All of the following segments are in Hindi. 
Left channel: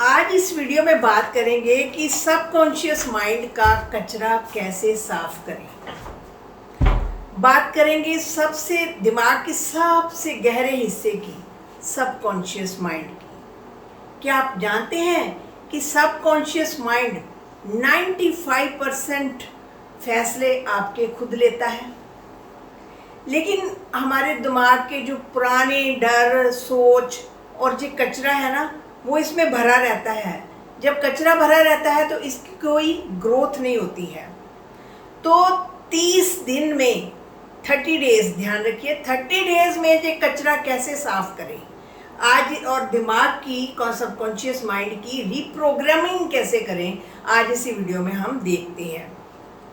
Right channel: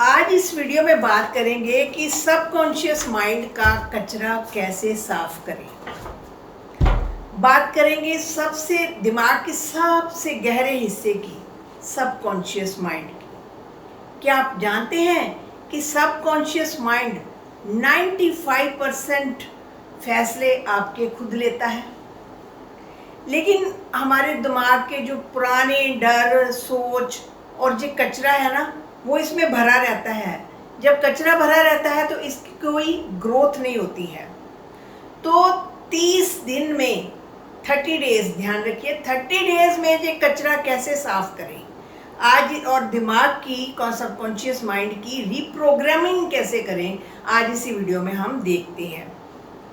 आज इस वीडियो में बात करेंगे कि सबकॉन्शियस माइंड का कचरा कैसे साफ करें। बात करेंगे सबसे दिमाग के सबसे गहरे हिस्से की, सबकॉन्शियस माइंड की। क्या आप जानते हैं कि सबकॉन्शियस माइंड 95% फैसले आपके खुद लेता है। लेकिन हमारे दिमाग के जो पुराने डर, सोच और जो कचरा है ना, वो इसमें भरा रहता है। जब कचरा भरा रहता है तो इसकी कोई ग्रोथ नहीं होती है। तो 30 दिन में 30 डेज, ध्यान रखिए, 30 डेज में ये कचरा कैसे साफ करें आज, और दिमाग की सबकॉन्शियस माइंड की रीप्रोग्रामिंग कैसे करें, आज इसी वीडियो में हम देखते हैं।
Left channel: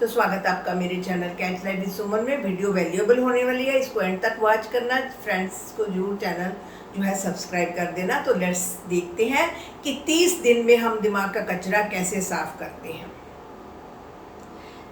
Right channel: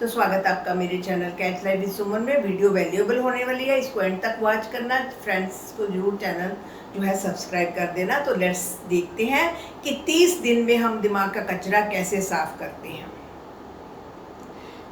तो स्वागत आपका मेरे चैनल कैच लाइफ विद सुमन में। वीडियो वैल्यूएबल होने वाली है, इसको एंड तक वॉच करना। फ्रेंड्स को जरूर चैनल जो है सब्सक्राइब कर देना। तो लेट्स देखते हैं कि 30 दिन में हम दिमाग का कचरा कैसे साफ करते हैं।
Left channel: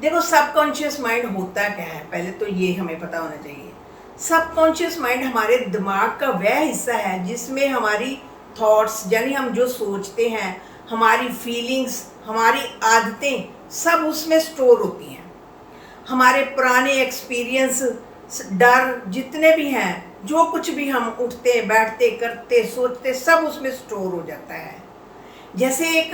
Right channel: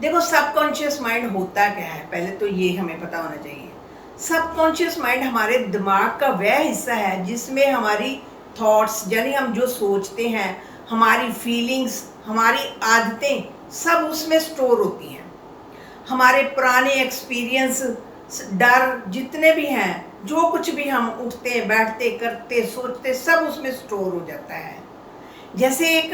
देखो, सबकॉन्शियस माइंड होता क्या है, पहले तो ये हमें पता होना चाहिए। सबकॉन्शियस माइंड हमारे दिमाग का वह हिस्सा है जिसमें हमारी थॉट्स, यानी हम जो सोचते हैं, हमारी फीलिंग्स, हमारी आदतें सब उसमें स्टोर होती हैं। हमारे पुराने एक्सपीरियंस, डर जितने भी हैं, जो कुछ भी हम उठते बैठते करते सोचते, सब उसमें स्टोर हो जाता है। जैसे एक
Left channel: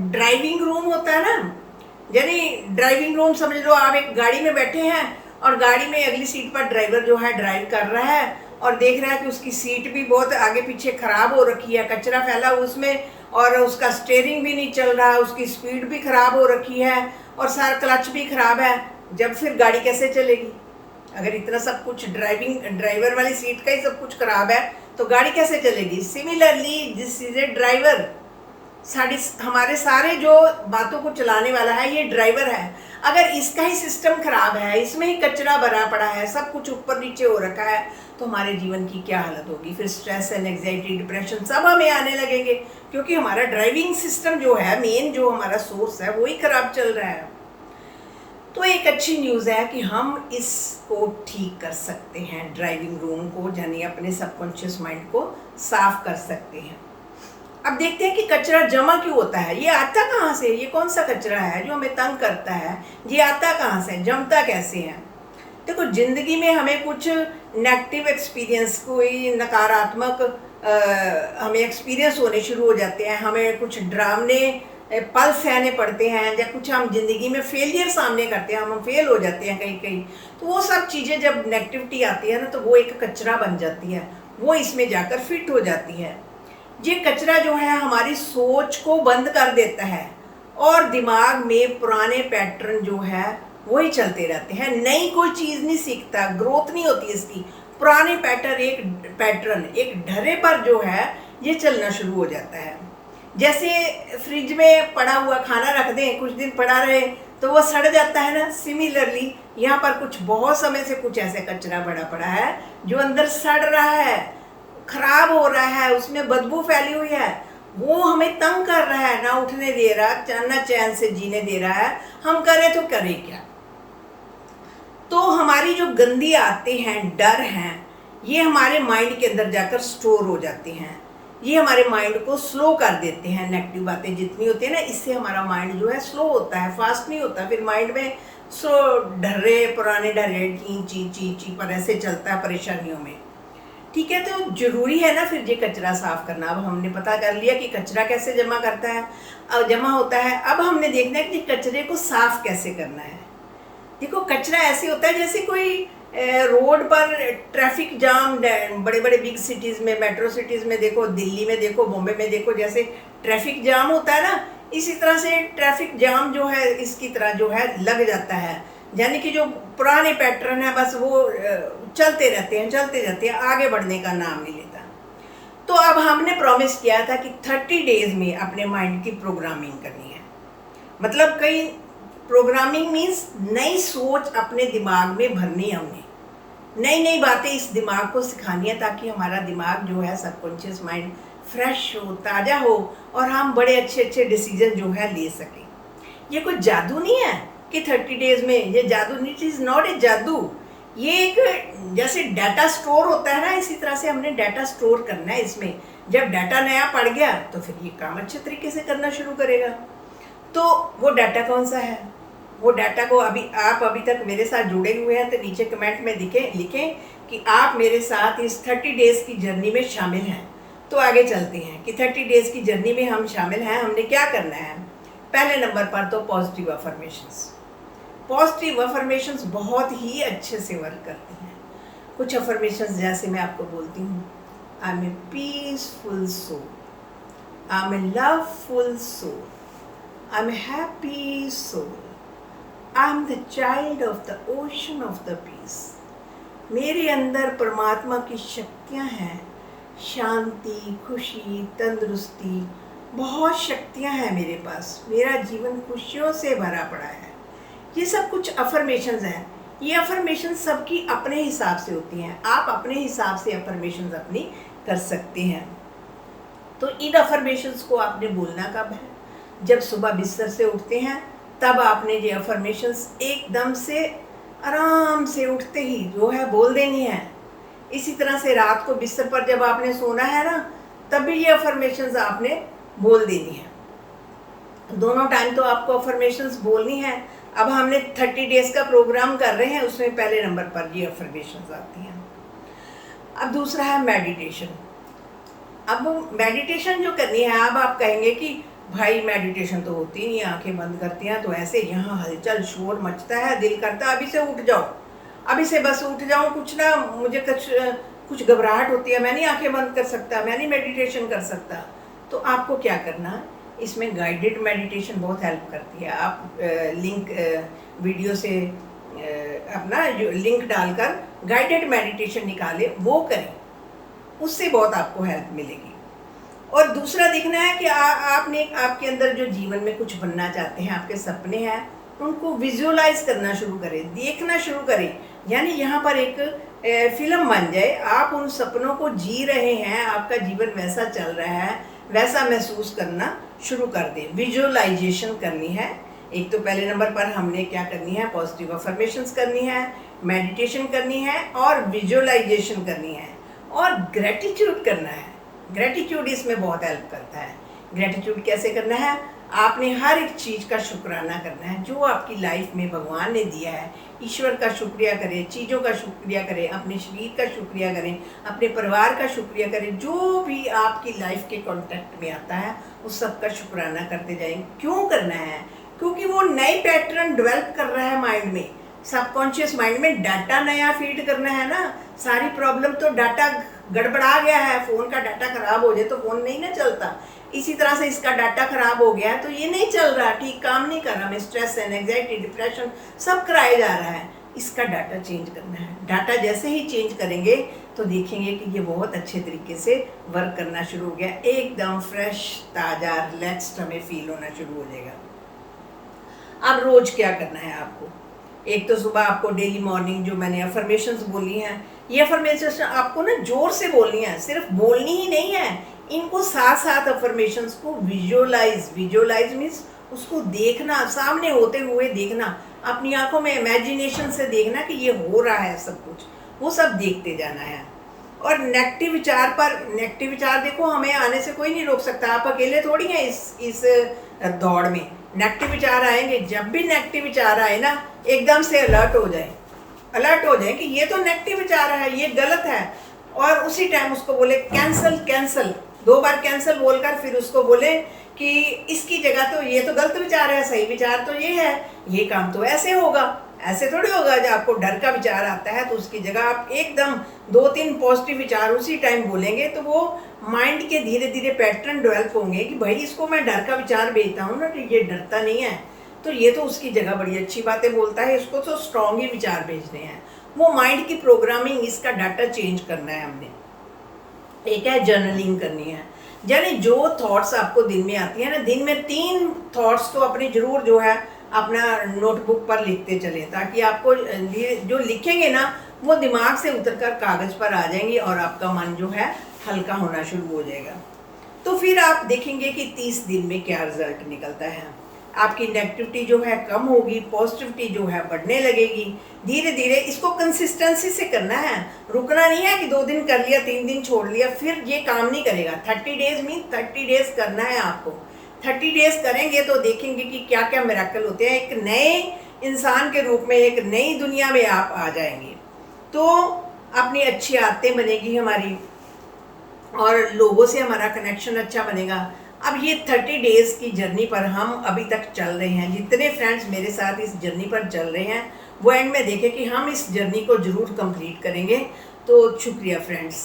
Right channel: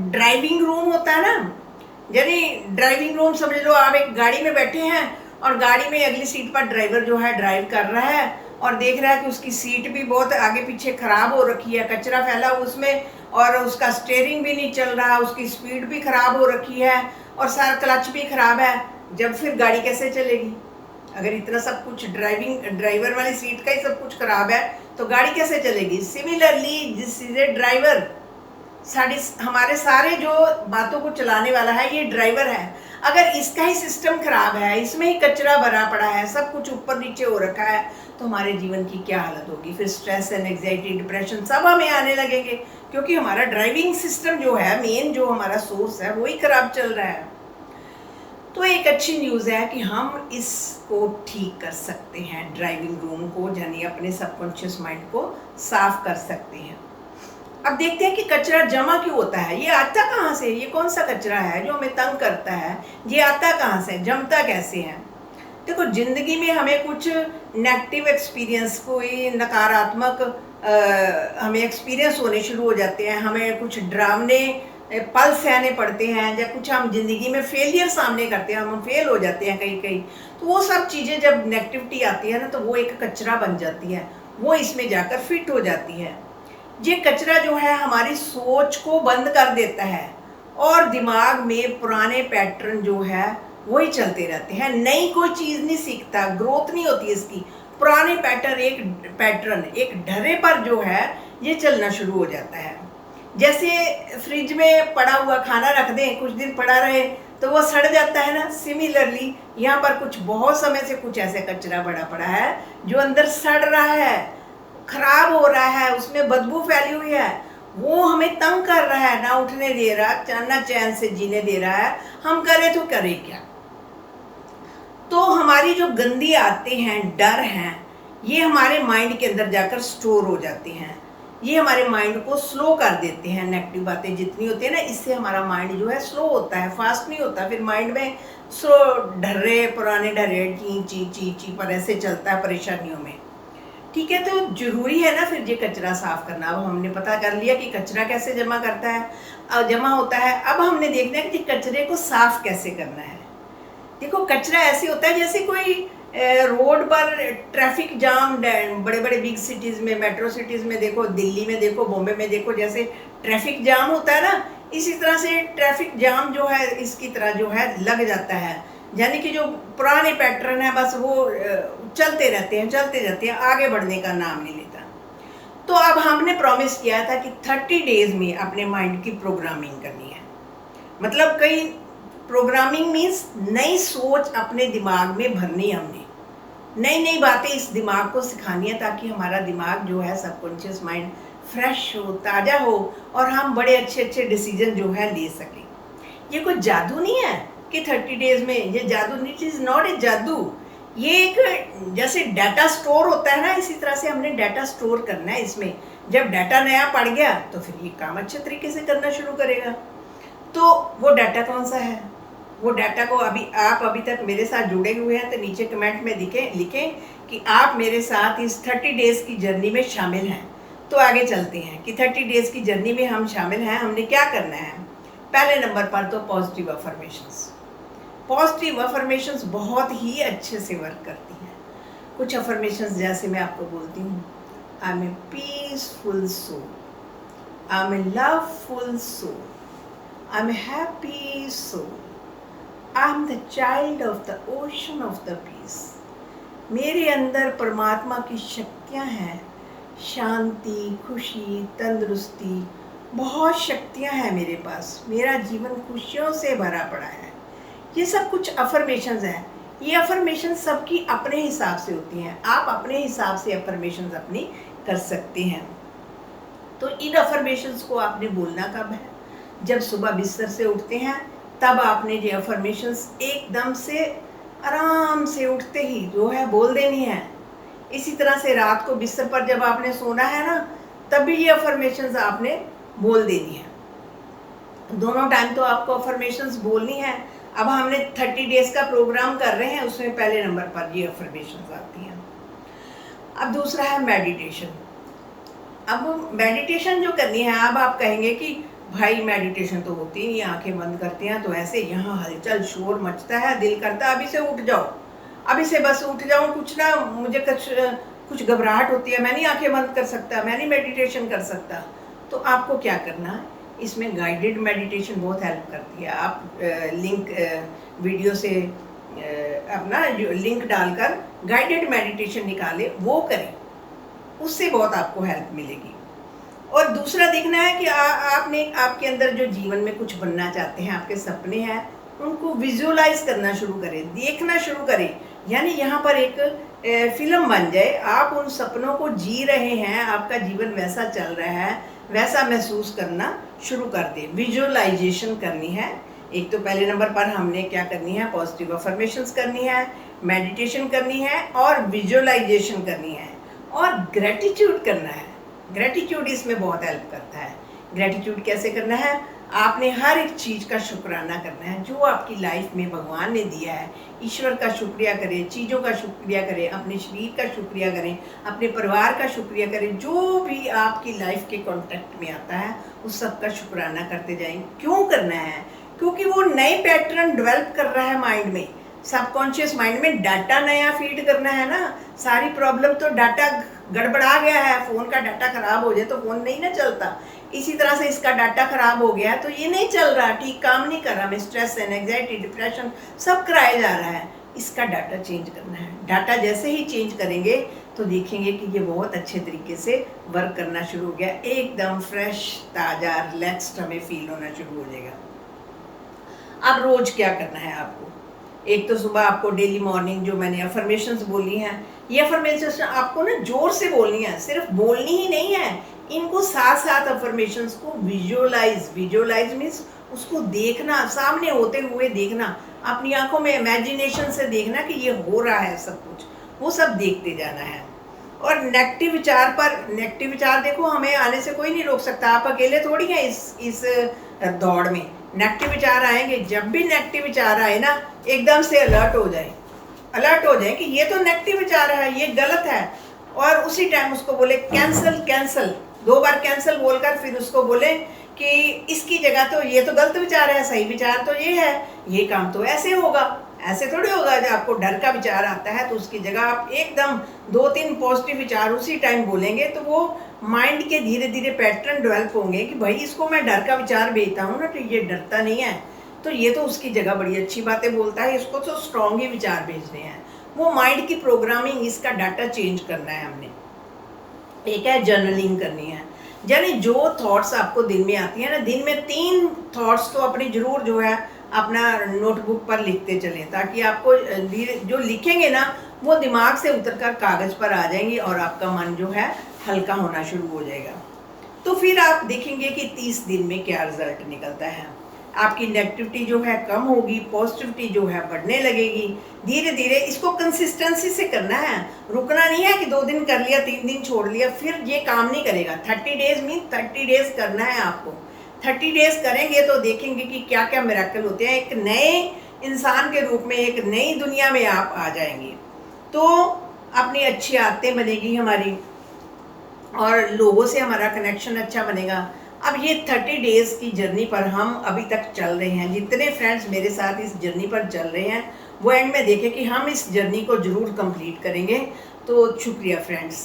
ड्राइविंग रूम होता है ना, यानी ड्राइविंग रूम समझ लो, आप एक गाड़ी में बैठे हैं और गाड़ी में अगली सीट पर ड्राइवर जो है ड्राइव कर रहा है और देख रहा है कि उसकी सीट भी बहुत आगे पीछे खराब हो रखी है, कचरा फैला उसमें, और उसका स्टीयरिंग भी नहीं चल रहा, उसकी स्पीड भी खराब हो रखी है और सारा क्लच भी खराब है। जब फिर गाड़ी कैसे चलेगी? अगर इतना सब कुछ ड्राइवर वाली सीट का ही सब कुछ खराब है तो गाड़ी कैसे चलेगी? Similarly this is a driver. हमारे सारे जो बातों को चलाने वाला है ये ड्राइवर है। अगर इसका ही सिस्टम खराब है, इसमें ही कचरा भरा पड़ा है, सब कुछ ऊपर नीचे हो रखा है, तो हमारे जीवन की क्या हालत होगी? फिर स्ट्रेस एंड एंग्जाइटी, डिप्रेशन सब हमें आने लगेंगे, क्योंकि हमारा ड्राइविंग सिस्टम जो है, मेन जो हमारा सोर्स है, वही खराब चल रहा है। तो एक अच्छी न्यूज़ है कि हम इसको ठीक कर सकते हैं, ड्राइविंग रूम को, यानी अपने सबकॉन्शियस माइंड को साफ कर सकते हैं। अब देखते हैं कि कचरा जमा क्यों होता है, ये आता कहाँ से, ये कौन सा कचरा है जो हमें तंग करता है, ये आता कहाँ से, जमता कैसे है? देखो, जिंदगी में हमें कुछ नेगेटिव एक्सपीरियंस, कोई नकारात्मक हमें एक्सपीरियंस होने शुरू हो जाते हैं, हमें कुछ डरावने पल सहने पड़ते हैं, या कुछ हम जिंदगी में फेलियर सामने करते हैं, हम फेल हो जाते हैं कहीं कहीं। तो वो सब चीज़ें जब नेगेटिविटी आती है ना, तो वो एक कचरा बन जाती है, वो इसमें जाकर फिट हो जाती है। ये कचरा जो है हमारी सोच को बंद कर देता है और दिमाग में पुराने पैटर्न जो है वही चलते रहते हैं। नई कोई चीज़ नहीं सीखता, ग्रोथ नहीं होती इसकी। पुराने पैटर्न एक ढर्रे पर जो है ये चलना शुरू हो जाता है। जैसे फ्रिज में पड़ा हुआ खाना रख दें, कुछ दिन पड़ा रहे तो वो सड़ जाता है ना। सिमिलरली यहाँ पर कुछ बहुत समय से कुछ ऐसे कचरा बड़ा पड़ा है जो अंदर सड़ रहा है, खराब हो रहा है, उसमें बदबू फैली हुई है, वो हमें तंग कर रहा है, ना उठने दे रहा, ना चैन से जीने दे रहा है। हम करें तो करें क्या? तो हमारी जो गंदी आदतें हैं, डर हैं, ये हमारे माइंड के अंदर जाकर स्टोर हो जाते हैं। ये हमारे माइंड को स्लो कर देते हैं। नेगेटिव बातें जितनी होती है ना, इससे हमारा माइंड जो है स्लो होता है, फास्ट नहीं होता। फिर माइंड में स्लो ढर्रे, पुराने ढर्रे ची ची ची ची पर ऐसे चलता है परेशानियों में। ठीक है, तो जरूरी है ना फिर ये कचरा साफ करना। अब हमने पता कर लिया कि कचरा कैसे जमा करता है, अब जमा होता है। अब हमने देखना है कि कचरे को साफ कैसे करना है। देखो, कचरा ऐसे होता है जैसे कोई रोड पर ट्रैफिक जाम, बड़े बड़े बिग सिटीज़ में, मेट्रो सिटीज़ में देखो, दिल्ली में देखो, बॉम्बे में देखो, जैसे ट्रैफिक जाम होता है ना, इसी तरह से ट्रैफिक जाम जो है इसकी तरह जो है लग जाता है। यानी कि जो पुराने पैटर्न है बस वो चलते रहते हैं, चलते रहते हैं, आगे बढ़ने का नाम नहीं लेता। तो अब हमने प्रॉमिस किया था कि 30 डेज में अपने माइंड की प्रोग्रामिंग करनी है। मतलब कई प्रोग्रामिंग मीन्स नई सोच अपने दिमाग में भरनी है हमने, नई नई बातें इस दिमाग को सिखानी है, ताकि हमारा दिमाग जो है सबकॉन्शियस माइंड फ्रेश हो, ताज़ा हो और हम बड़े अच्छे अच्छे डिसीजन जो है ले सकें। ये कोई जादू नहीं है कि 30 डेज में, ये जादू नहीं, इट इज़ नॉट ए जादू। ये एक जैसे डाटा स्टोर होता है ना, इसी तरह से हमने डाटा स्टोर करना है इसमें, जब डाटा नया पड़ गया तो फिर ये काम अच्छे तरीके से करना शुरू करेगा। तो वो डाटा कौन सा है? वो डाटा को अभी तक मेरे साथ जुड़े हुए हैं तो नीचे कमेंट में लिखें कि आप मेरे साथ इस 30 डेज़ की जर्नी में शामिल हैं। तो आगे चलते हैं कि 30 डेज़ की जर्नी में हम शामिल हैं, हमने क्या करना है। पहले नंबर पर तो पॉजिटिव अफर्मेशंस। पॉजिटिव अफर्मेशंस बहुत ही अच्छे से वर्क करती हैं। कुछ अफर्मेशंस जैसे मैं आपको बोलती हूँ, I am a peaceful soul, I am a loveful soul, I am a happy soul, I am the child of the ocean of the peace. मेरे अंदर परमात्मा की शक्तियाँ हैं, शांति, खुशी, तंदुरुस्ती, बहुत शक्तियाँ हैं मेरे पास, मेरा जीवन खुशियों से भरा पड़ा है। ये सब कुछ अफर्मेशंस हैं। ये अफर्मेशन सबकी अपने हिसाब से होती हैं, आप अपने हिसाब से अफर्मेशंस अपनी कर सकते हैं। तो इन अफर्मेशंस को आपने बोलना कब है? जब सुबह बिस्तर से उठते हैं तब आपने ये अफर्मेशंस एकदम से आराम से उठते ही जो है बोल देनी है। इसी तरह से रात को बिस्तर पर जब आपने सोना है ना, तब भी ये अफर्मेशंस आपने बोल देनी है। दोनों टाइम तो आपको अफर्मेशंस बोलनी है। अब हमने 30 डेज़ का प्रोग्राम कर रहे हैं, उसमें पहले नंबर पर ये अफर्मेशंस आती हैं। अब दूसरा है मेडिटेशन। अब मेडिटेशन जो करनी है, अब आप कहेंगे कि भाई मेडिटेशन तो होती नहीं, आंखें बंद करती हैं तो ऐसे यहाँ हलचल शोर मचता है, दिल करता है अभी से उठ जाओ, अभी से बस उठ जाऊँ, कुछ ना मुझे कुछ घबराहट होती है, मैं नहीं आंखें बंद कर सकता, मैं नहीं मेडिटेशन कर सकता। तो आपको क्या करना है, इसमें गाइडेड मेडिटेशन बहुत हेल्प करती है। आप लिंक वीडियो से अपना लिंक डालकर गाइडेड मेडिटेशन निकालें, वो करें, उससे बहुत आपको हेल्प मिलेगी। और दूसरा देखना है कि आपने आपके अंदर जो जीवन में कुछ बनना चाहते हैं, आपके सपने हैं, उनको विजुअलाइज करना शुरू करें, देखना शुरू करें। यानी यहाँ पर एक फिल्म बन जाए, आप उन सपनों को जी रहे हैं, आपका जीवन वैसा चल रहा है, वैसा महसूस करना शुरू कर दें। विजुअलाइजेशन करनी है। एक तो पहले नंबर पर हमने क्या करनी है, पॉजिटिव अफर्मेशंस करनी है, मेडिटेशन करनी है और विजुअलाइजेशन करनी है और ग्रेटिट्यूड करना है। ग्रेटिट्यूड इसमें बहुत हेल्प करता है। ग्रेटिट्यूड कैसे करना है, आपने हर एक चीज़ का शुक्राना करना है जो आपकी लाइफ में भगवान ने दिया है। ईश्वर का शुक्रिया करें, चीज़ों का शुक्रिया करें, अपने शरीर का शुक्रिया करें, अपने परिवार का शुक्रिया करें, जो भी आपकी लाइफ के कॉन्टेक्ट में आता है उस सब का शुक्राना करते जाएं। क्यों करना है? क्योंकि वो नए पैटर्न डेवलप कर रहा है माइंड में, सबकॉन्शियस माइंड में डाटा नया फीड करना है ना। सारी प्रॉब्लम तो डाटा गड़बड़ा गया है, फ़ोन का डाटा ख़राब हो जाए तो फ़ोन नहीं ना चलता। इसी तरह से इसका डाटा ख़राब हो गया है तो ये नहीं चल रहा, ठीक काम नहीं कर रहा, में स्ट्रेस एंजाइटी डिप्रेशन सब कराया जा रहा है। इसका डाटा चेंज करना है। डाटा जैसे ही चेंज करेंगे तो देखेंगे कि ये बहुत अच्छे तरीके से वर्क करना शुरू हो गया, एकदम फ्रेश, ताज़ा, रिलैक्स्ड हमें फील होना शुरू हो जाएगा। अब रोज़ क्या करना है आपको, एक तो सुबह आपको डेली मॉर्निंग जो मैंने अफर्मेशंस बोली हैं, ये अफर्मेशंस आपको ना जोर से बोलनी है, सिर्फ बोलनी ही नहीं है, इनको साथ साथ अफर्मेशंस को विजुअलाइज मीन्स उसको देखना, सामने होते हुए देखना, अपनी आंखों में इमेजिनेशन से देखना कि ये हो रहा है सब कुछ, वो सब देखते जाना है। और नेगेटिव विचार देखो हमें आने से कोई नहीं रोक सकता, आप अकेले थोड़ी हैं इस दौड़ में। नेगेटिव विचार आएंगे, जब भी नेगेटिव विचार आए ना एकदम से अलर्ट हो जाए कि ये तो नेगेटिव विचार है, ये गलत है, और उसी टाइम उसको बोले कैंसल 2 बार कैंसल बोलकर फिर उसको बोले कि इसकी जगह तो ये तो गलत विचार है, सही विचार तो ये है, ये काम तो ऐसे होगा, ऐसे थोड़ी होगा। जब आपको डर का विचार आता है तो उसकी जगह आप एकदम 2-3 पॉजिटिव विचार उसी टाइम बोलेंगे तो वो माइंड के धीरे धीरे पैटर्न डेवलप होंगे कि भाई इसको मैं डर का विचार भेजता हूँ ना तो ये डरता नहीं है, तो ये तो उसकी जगह बड़ी अच्छी बातें बोलता है, इसको तो स्ट्रॉन्ग ही विचार भेजने हैं। वो माइंड की प्रोग्रामिंग, इसका डाटा चेंज करना है हमने। एक है जर्नलिंग करनी है, यानी जो थॉट्स आपको दिन में आती है ना, दिन में 3 थॉट्स तो अपनी जरूर जो है अपना नोटबुक पर लिखते चलें, ताकि आपको जो लिखेंगे ना वो दिमाग से उतरकर कागज़ पर आ जाएंगी और आपका मन जो है हल्का होना शुरू हो जाएगा। तो फिर आप देखेंगे कि 30 दिन में क्या रिजल्ट निकलता है। आपकी नेगेटिविटी जो है कम होगी, पॉजिटिविटी जो है बढ़ने लगेगी। धीरे धीरे इसको कंसिस्टेंसी से करना है, रुकना नहीं है कि 2 दिन कर लिया 3 दिन छोड़ लिया, फिर ये काम नहीं करेगा। 30 डेज मीन 30 डेज करना है आपको। 30 डेज करेंगे तो देखेंगे कि क्या क्या मिरेकल होते हैं। एक नए इंसान के रूप में, एक नई दुनिया में आप आ जाएंगे। तो अपनी अच्छी आदतें बनेगी हमारी और लोगों से हमारा कनेक्शन अच्छा बनेगा। अब ये 30 डेज़ की जर्नी पर हम अभी तक चल रहे हैं। जितने फ्रेंड्स मेरे साथ इस जर्नी पर चल रहे हैं वो एंड में देखें कि हम इस जर्नी को ज़रूर कंप्लीट करेंगे। तो शुक्रिया फ्रेंड्स।